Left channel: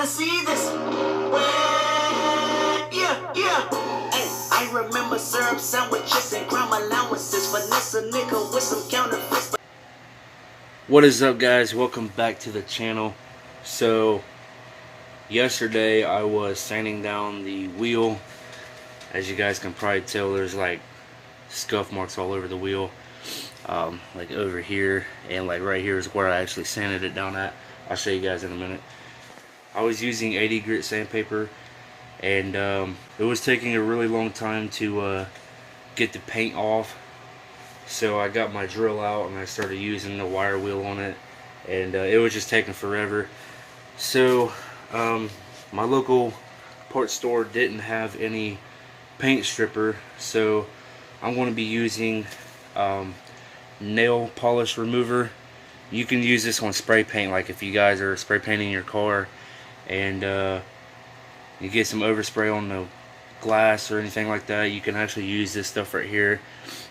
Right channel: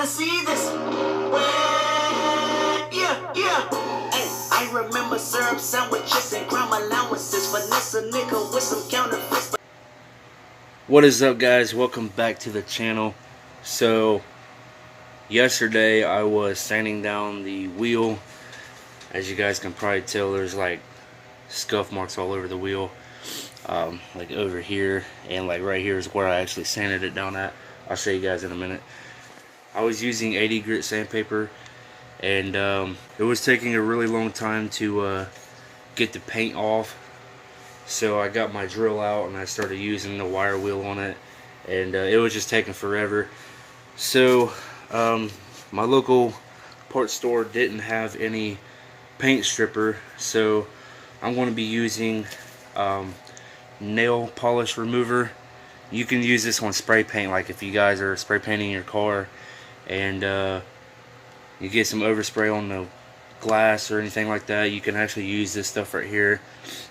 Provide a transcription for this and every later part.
gotta see this. Yeah. Hey, I remember syrup sandwiches and crime allowances. Finesse a nigga with some counterfeits. What is up, guys? Welcome back to the channel. So yesterday I was sanding down the wheel. As you guys can probably tell, there's like scuff marks all over the wheel, like over here, and like right here is where I actually sanded it down at. I'll show you guys in a minute. I was using 80 grit sandpaper, and it was taking a really long time to get the paint off. So I got my drill out and I started using the wire wheel on it, and it was just taking forever. So my local parts store didn't have any paint stripper, so I'm going to be using nail polish remover. You can use this on spray paint, like if you guys are spray painting your car and you get some overspray on the glass or anything like that, you can actually use this stuff right here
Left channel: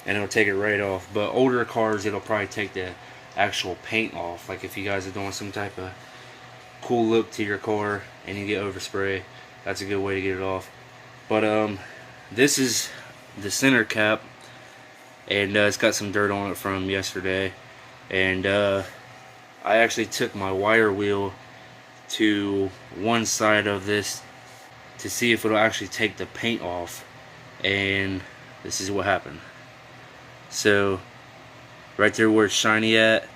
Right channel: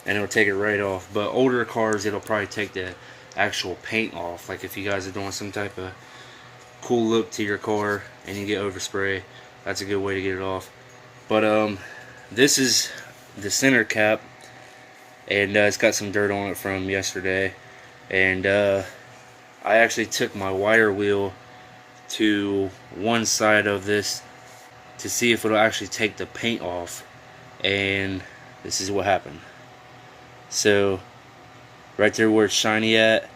and it'll take it right off. But older cars, it'll probably take the actual paint off. Like if you guys are doing some type of cool look to your car and you get overspray, that's a good way to get it off. But this is the center cap, and it's got some dirt on it from yesterday, and I actually took my wire wheel to one side of this to see if it'll actually take the paint off, and this is what happened. So right there where it's shiny at,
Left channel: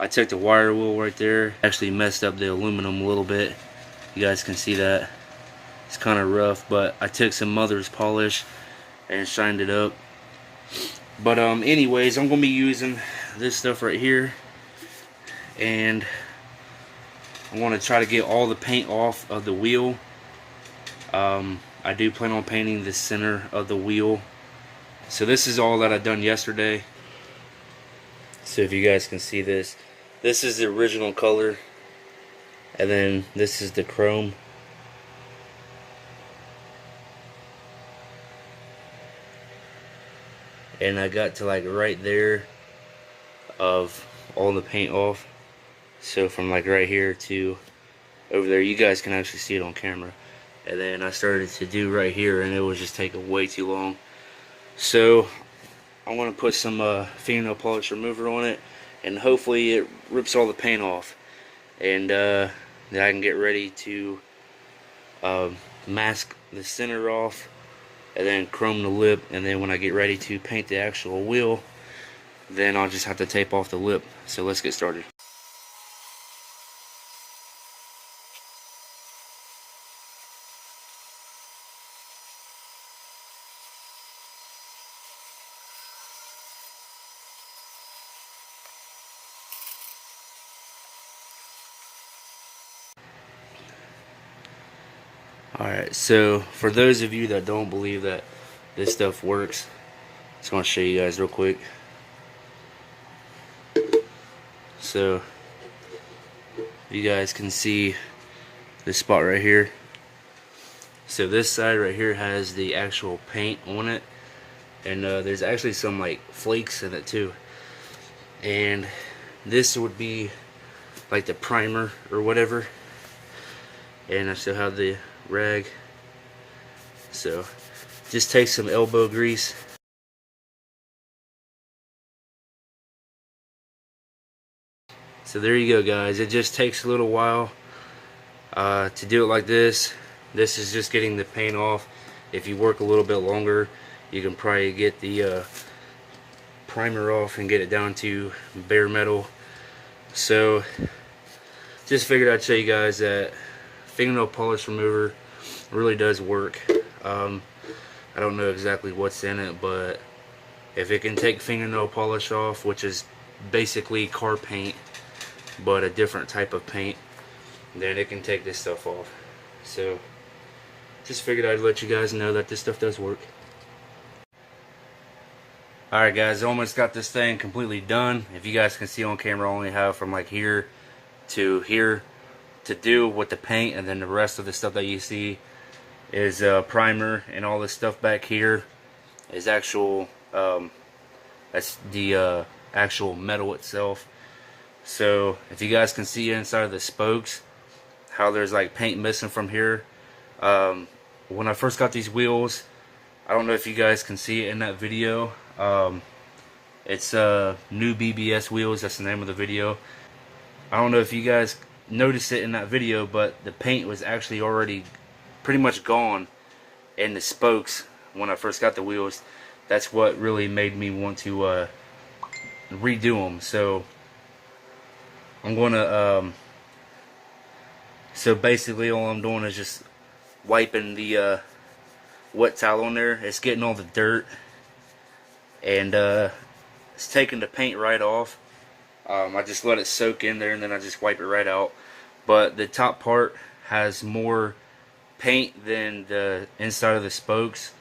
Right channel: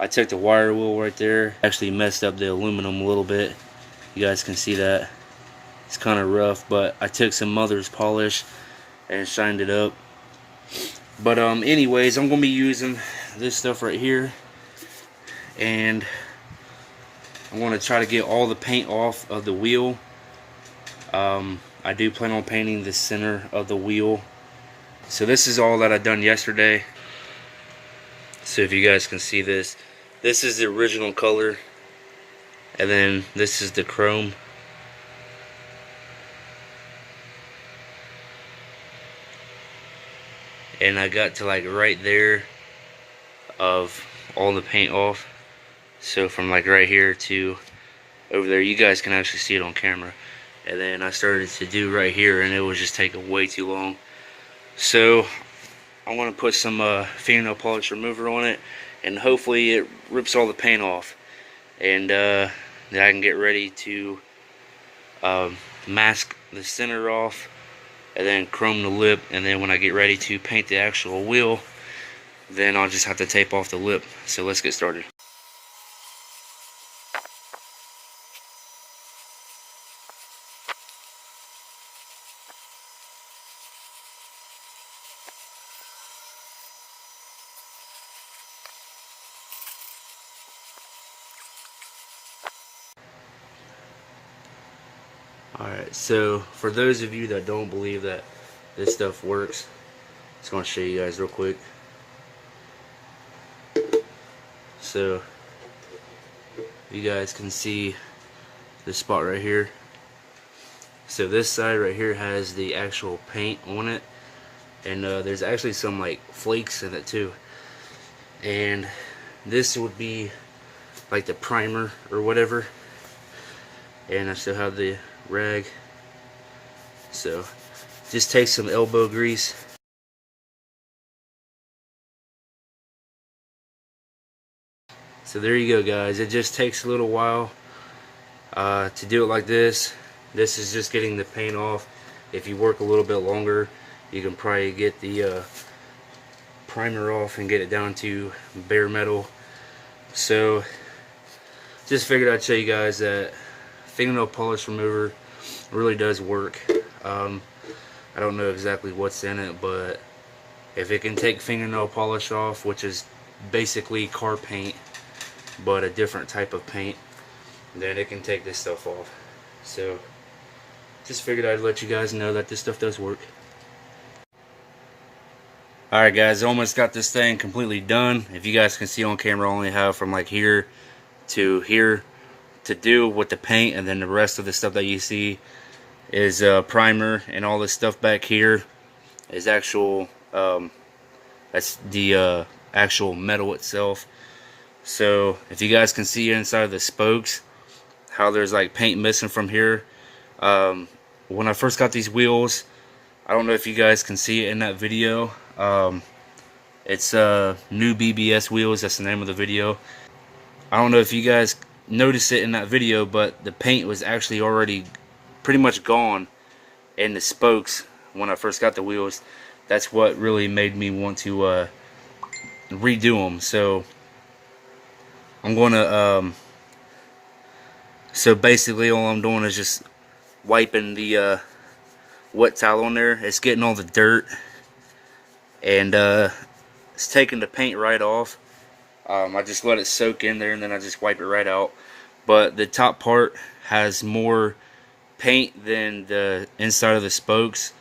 I took the wire wheel right there, actually messed up the aluminum a little bit. You guys can see that it's kind of rough, but I took some mother's polish and shined it up. But anyways, I'm gonna be using this stuff right here, and I'm gonna try to get all the paint off of the wheel. I do plan on painting the center of the wheel. So this is all that I done yesterday. So if you guys can see this, this is the original color, and then this is the chrome. And I got to like right there of all the paint off. So from like right here to over there, you guys can actually see it on camera. And then I started to do right here, and it was just taking way too long. So I want to put some fingernail polish remover on it, and hopefully it rips all the paint off, and then I can get ready to mask the center off and then chrome the lip. And then when I get ready to paint the actual wheel, then I'll just have to tape off the lip. So let's get started. Alright, so for those of you that don't believe that this stuff works, I'm just going to show you guys real quick. So you guys can see this spot right here. So this side right here has the actual paint on it, and there's actually some like flakes in it too. And this would be like the primer or whatever, and I still have the rag. So just take some elbow grease, so there you go, guys. It just takes a little while to do it like this. This is just getting the paint off. If you work a little bit longer, you can probably get the primer off and get it down to bare metal. So just figured I'd show you guys that fingernail polish remover really does work. I don't know exactly what's in it, but if it can take fingernail polish off, which is basically car paint but a different type of paint, then it can take this stuff off. So just figured I'd let you guys know that this stuff does work. Alright guys, I almost got this thing completely done. If you guys can see on camera, I only have from like here to here to do with the paint, and then the rest of the stuff that you see is primer, and all this stuff back here is actual that's the actual metal itself. So if you guys can see inside of the spokes, how there's like paint missing from here. When I first got these wheels, I don't know if you guys can see it in that video. It's new BBS wheels. That's the name of the video. I don't know if you guys noticed it in that video, but the paint was actually already pretty much gone in the spokes when I first got the wheels. That's what really made me want to redo them. So I'm gonna so basically all I'm doing is just wiping the wet towel on there. It's getting all the dirt, and it's taking the paint right off. I just let it soak in there, and then I just wipe it right out. But the top part has more paint than the inside of the spokes,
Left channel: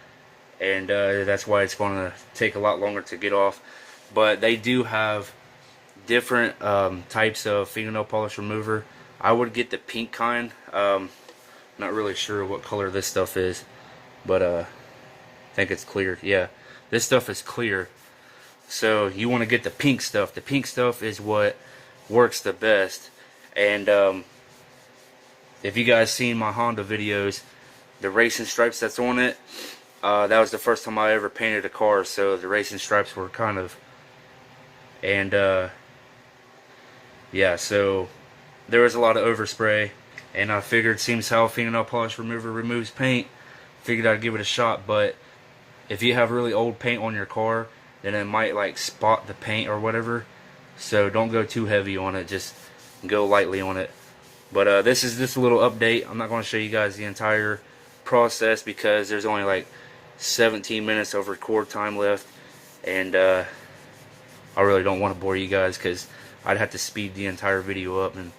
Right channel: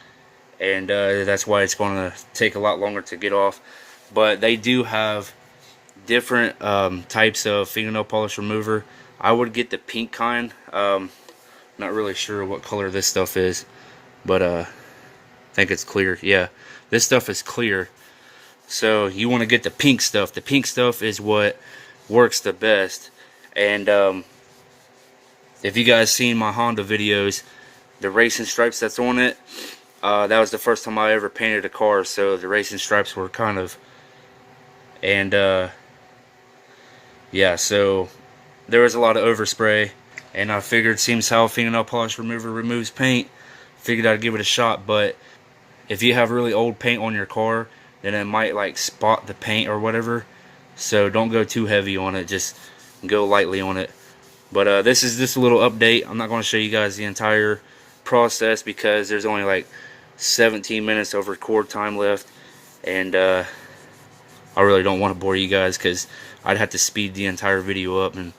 and that's why it's going to take a lot longer to get off. But they do have different types of fingernail polish remover. I would get the pink kind. Not really sure what color this stuff is, but I think it's clear. Yeah, this stuff is clear. So you want to get the pink stuff. The pink stuff is what works the best. And if you guys seen my Honda videos, the racing stripes that's on it, that was the first time I ever painted a car. So the racing stripes were kind of, and yeah, so there was a lot of overspray. And I figured, seems how fingernail polish remover removes paint, figured I'd give it a shot. But if you have really old paint on your car, then it might like spot the paint or whatever. So don't go too heavy on it, just go lightly on it. But this is just a little update. I'm not going to show you guys the entire process because there's only like 17 minutes of record time left, and I really don't want to bore you guys because I'd have to speed the entire video up, and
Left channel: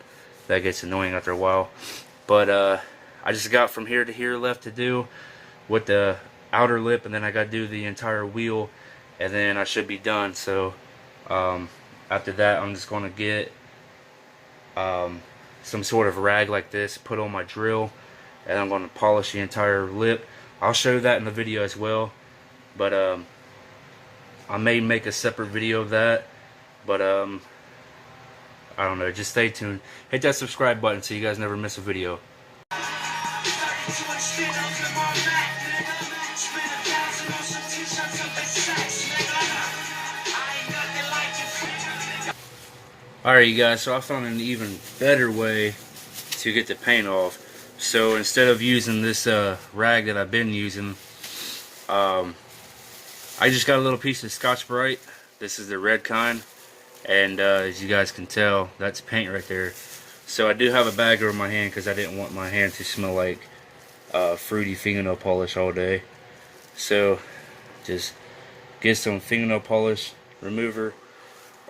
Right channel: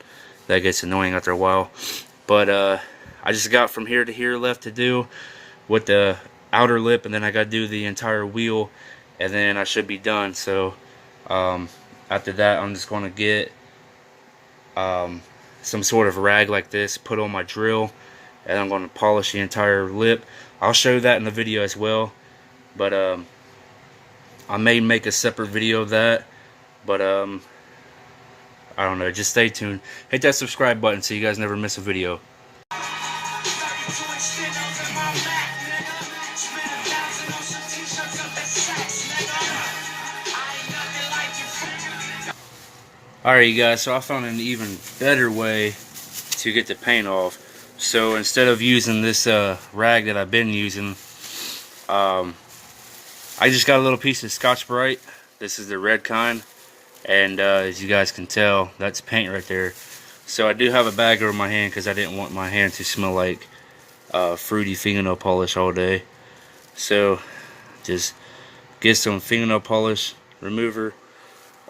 that gets annoying after a while. But I just got from here to here left to do with the outer lip, and then I got to do the entire wheel, and then I should be done. So after that, I'm just going to get some sort of rag like this, put on my drill, and I'm going to polish the entire lip. I'll show that in the video as well, but I may make a separate video of that. But I don't know, just stay tuned. Hit that subscribe button so you guys never miss a video. Alright, you guys, so I found an even better way to get the paint off. So instead of using this rag that I've been using, I just got a little piece of Scotch-Brite. This is the red kind, and as you guys can tell, that's paint right there. So I do have a bag over my hand because I didn't want my hand to smell like fruity fingernail polish all day. So just get some fingernail polish remover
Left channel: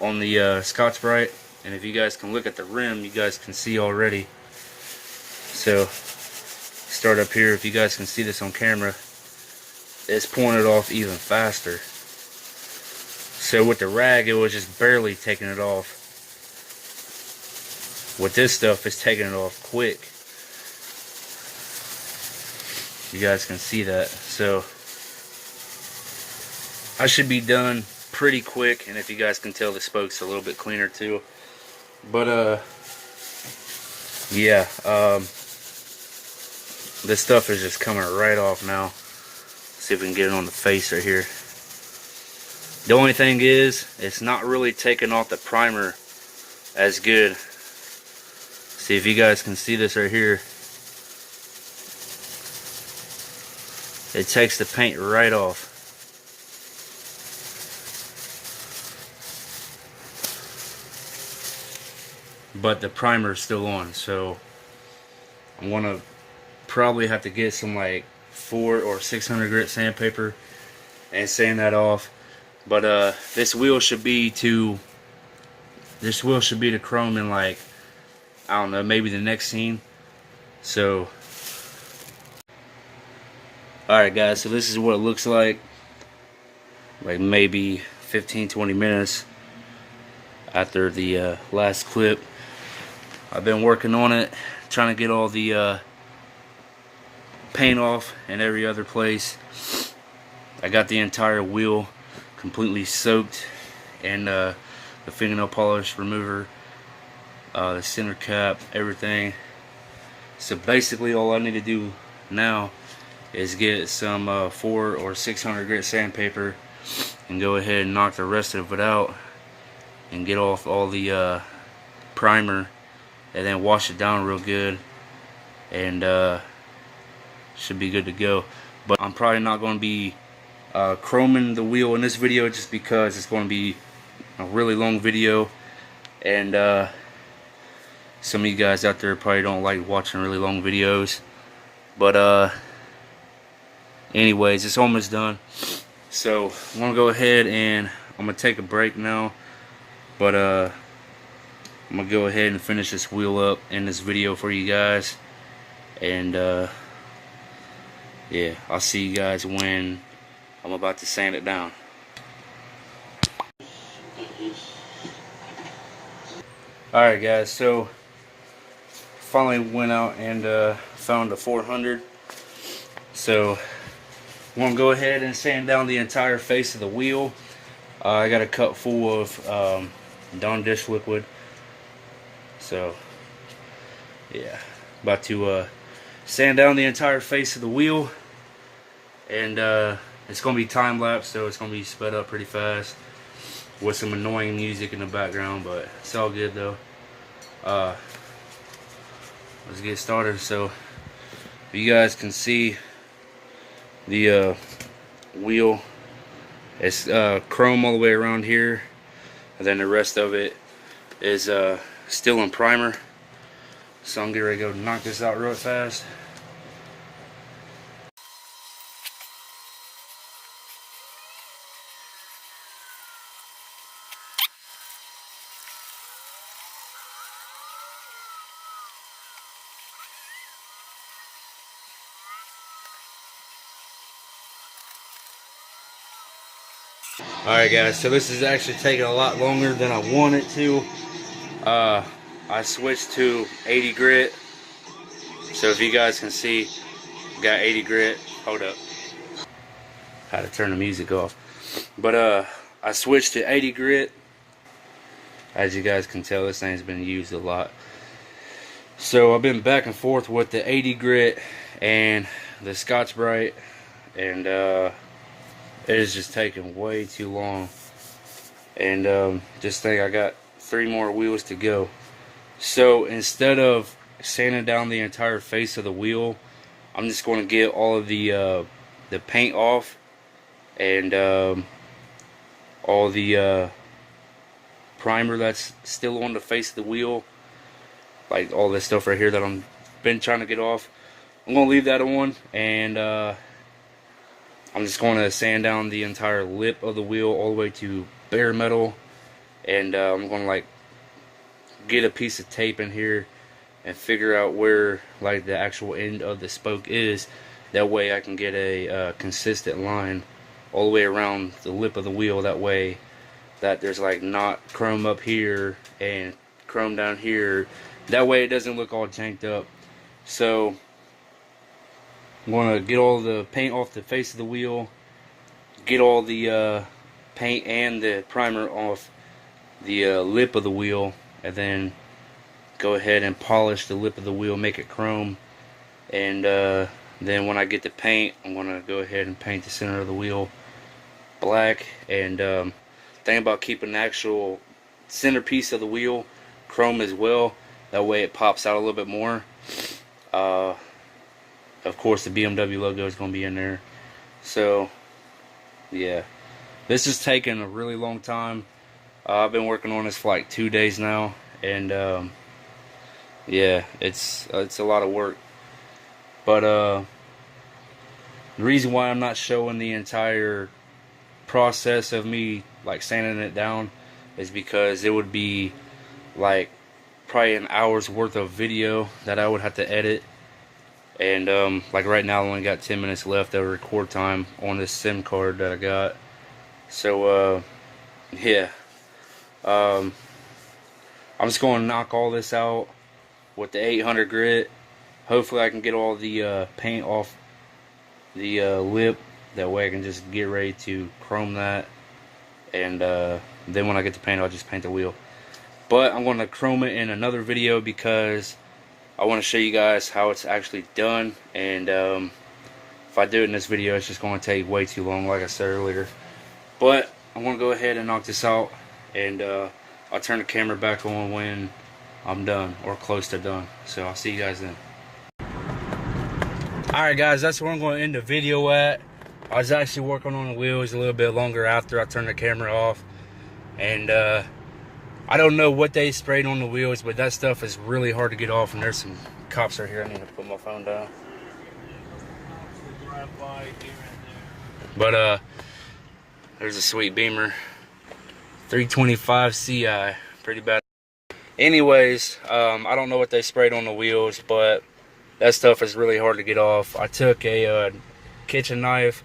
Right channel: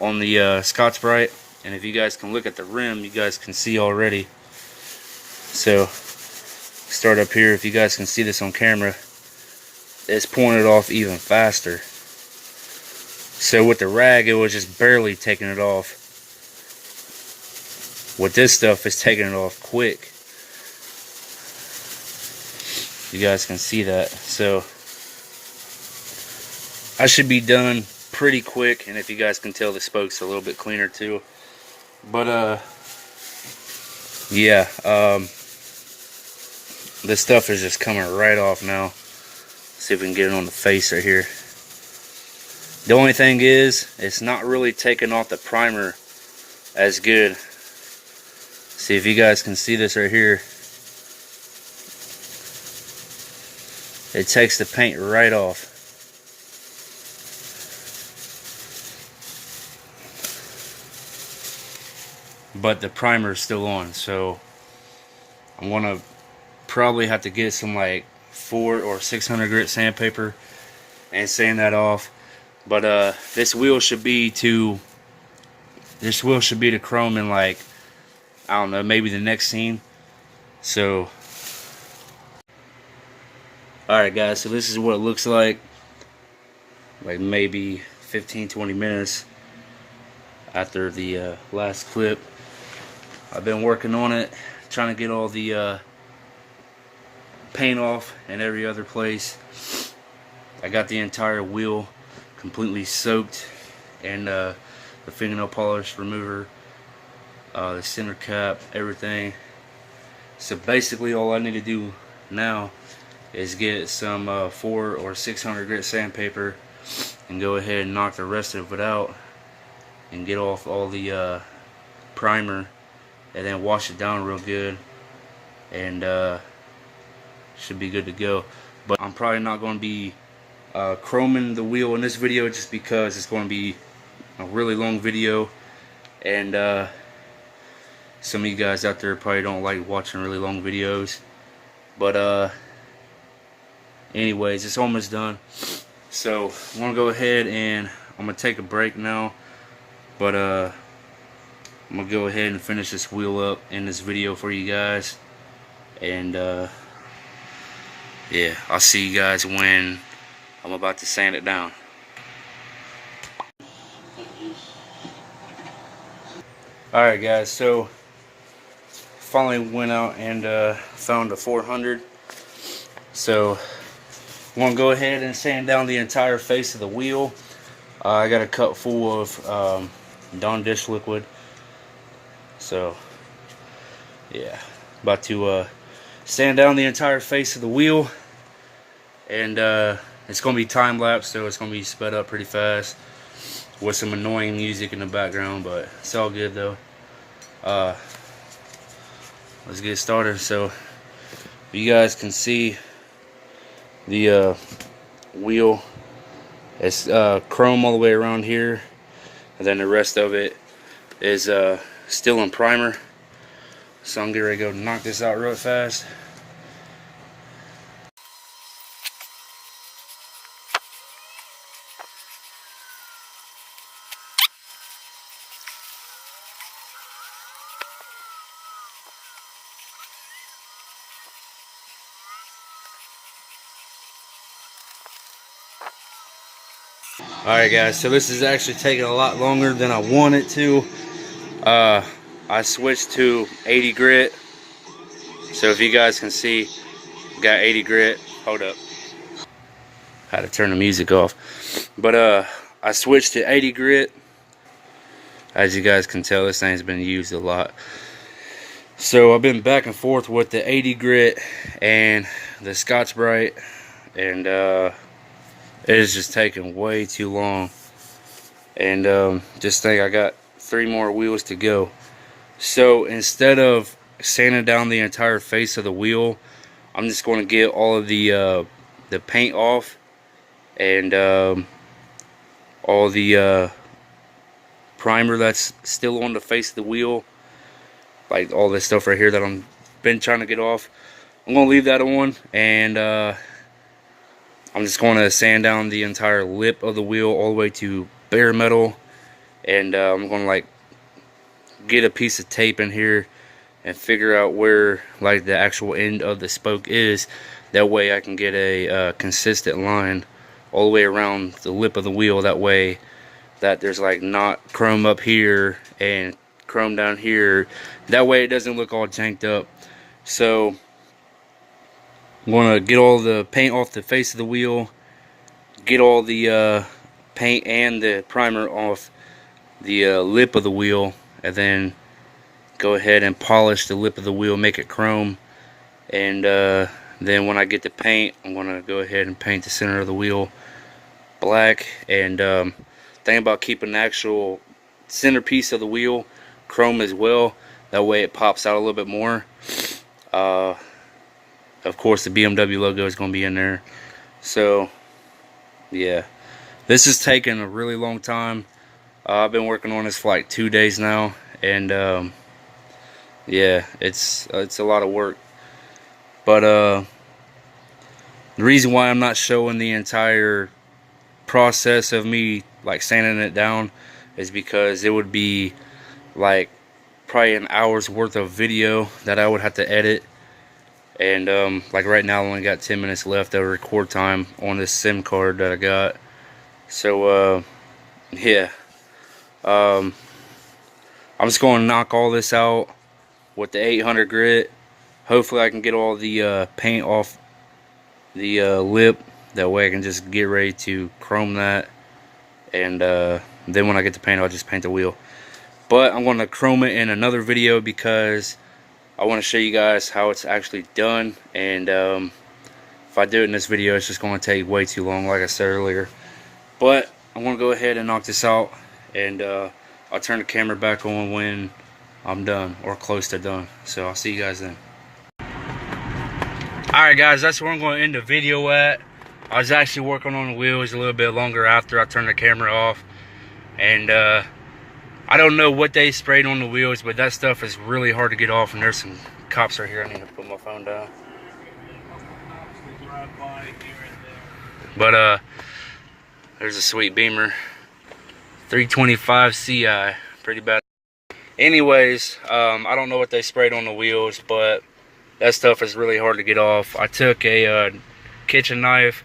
on the Scotch-Brite, and if you guys can look at the rim, you guys can see already. So start up here. If you guys can see this on camera, it's pulling it off even faster. So with the rag, it was just barely taking it off. With this stuff, it's taking it off quick. You guys can see that. So I should be done pretty quick, and if you guys can tell, the spoke's a little bit cleaner too. But yeah, this stuff is just coming right off now. See if we can get it on the face right here. The only thing is, it's not really taking off the primer as good. See if you guys can see this right here. It takes the paint right off. But the primer is still on, so I'm gonna probably have to get some like 400 or 600 grit sandpaper and sand that off. But this wheel should be to chrome in, like, I don't know, maybe the next scene. So alright guys, so this is what it looks like maybe 15-20 minutes after the last clip. I've been working on it, trying to get all the paint off in every other place. I got the entire wheel completely soaked in the fingernail polish remover, the center cap, everything. So basically all I need to do now is get some 400 or 600 grit sandpaper and go ahead and knock the rest of it out and get off all the primer, and then wash it down real good, and should be good to go. But I'm probably not going to be chroming the wheel in this video, just because it's going to be a really long video, and some of you guys out there probably don't like watching really long videos. But anyways, it's almost done, so I'm gonna go ahead and I'm gonna take a break now, but I'm gonna go ahead and finish this wheel up in this video for you guys, and yeah, I'll see you guys when I'm about to sand it down. Alright guys, so finally went out and found a 400. So I'm going to go ahead and sand down the entire face of the wheel. I got a cup full of Dawn dish liquid. So yeah, about to sand down the entire face of the wheel, and it's going to be time lapse, so it's going to be sped up pretty fast with some annoying music in the background, but it's all good though. Let's get started. So you guys can see the wheel, it's chrome all the way around here, and then the rest of it is still in primer. So I'm getting ready to go knock this out real fast. Alright guys, so this is actually taking a lot longer than I wanted to. I switched to 80 grit. So if you guys can see, got 80 grit. Hold up. Had to turn the music off. But I switched to 80 grit. As you guys can tell, this thing's been used a lot. So I've been back and forth with the 80 grit and the Scotch-Brite, and it is just taking way too long. And just think I got 3 more wheels to go. So instead of sanding down the entire face of the wheel, I'm just going to get all of the paint off, and all the primer that's still on the face of the wheel, like all this stuff right here that I'm been trying to get off. I'm going to leave that on, and I'm just going to sand down the entire lip of the wheel all the way to bare metal, and I'm going to like get a piece of tape in here and figure out where like the actual end of the spoke is. That way I can get a consistent line all the way around the lip of the wheel. That way that there's like not chrome up here and chrome down here. That way it doesn't look all janked up. So I'm going to get all the paint off the face of the wheel, get all the paint and the primer off the lip of the wheel, and then go ahead and polish the lip of the wheel, make it chrome. And then when I get the paint, I'm going to go ahead and paint the center of the wheel black. And think about keeping the actual centerpiece of the wheel chrome as well. That way it pops out a little bit more. Of course, the BMW logo is going to be in there. So yeah, this is taking a really long time. I've been working on this for like 2 days now, and yeah, it's a lot of work. But the reason why I'm not showing the entire process of me like sanding it down is because it would be like probably an hour's worth of video that I would have to edit. And like right now I only got 10 minutes left of record time on this SIM card that I got. So yeah, I'm just going to knock all this out with the 800 grit. Hopefully I can get all the paint off the lip. That way I can just get ready to chrome that, and then when I get the paint, I'll just paint the wheel. But I'm going to chrome it in another video, because I want to show you guys how it's actually done, and if I do it in this video, it's just going to take way too long, like I said earlier. But I'm going to go ahead and knock this out, and I'll turn the camera back on when I'm done, or close to done. So I'll see you guys then. Alright guys, that's where I'm going to end the video at. I was actually working on the wheels a little bit longer after I turned the camera off. And I don't know what they sprayed on the wheels, but that stuff is really hard to get off, and there's some cops right here. I need to put my phone down. But there's a sweet Beamer 325 CI, pretty bad. Anyways, I don't know what they sprayed on the wheels, but that stuff is really hard to get off. I took a kitchen knife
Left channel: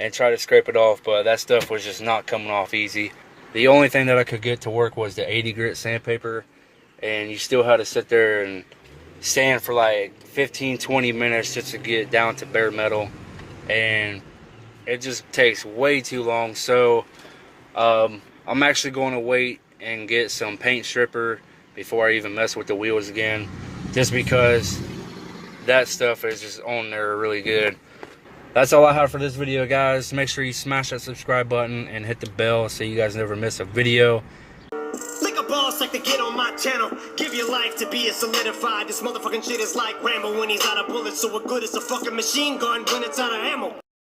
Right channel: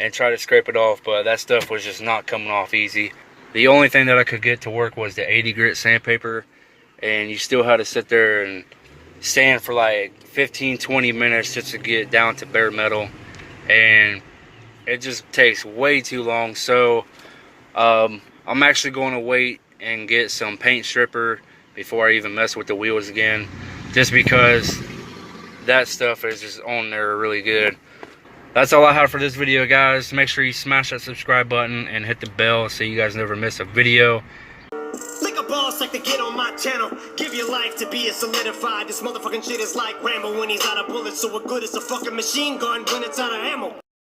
and tried to scrape it off, but that stuff was just not coming off easy. The only thing that I could get to work was the 80 grit sandpaper, and you still had to sit there and sand for like 15-20 minutes just to get it down to bare metal, and it just takes way too long. So I'm actually going to wait and get some paint stripper before I even mess with the wheels again, just because that stuff is just on there really good. That's all I have for this video, guys. Make sure you smash that subscribe button and hit the bell so you guys never miss a video. Lick a boss like to get on my channel. Give your life to be a solidified. This motherfucking shit is like Rambo when he's out of bullets. So what good is a fucking machine gun when it's out of ammo?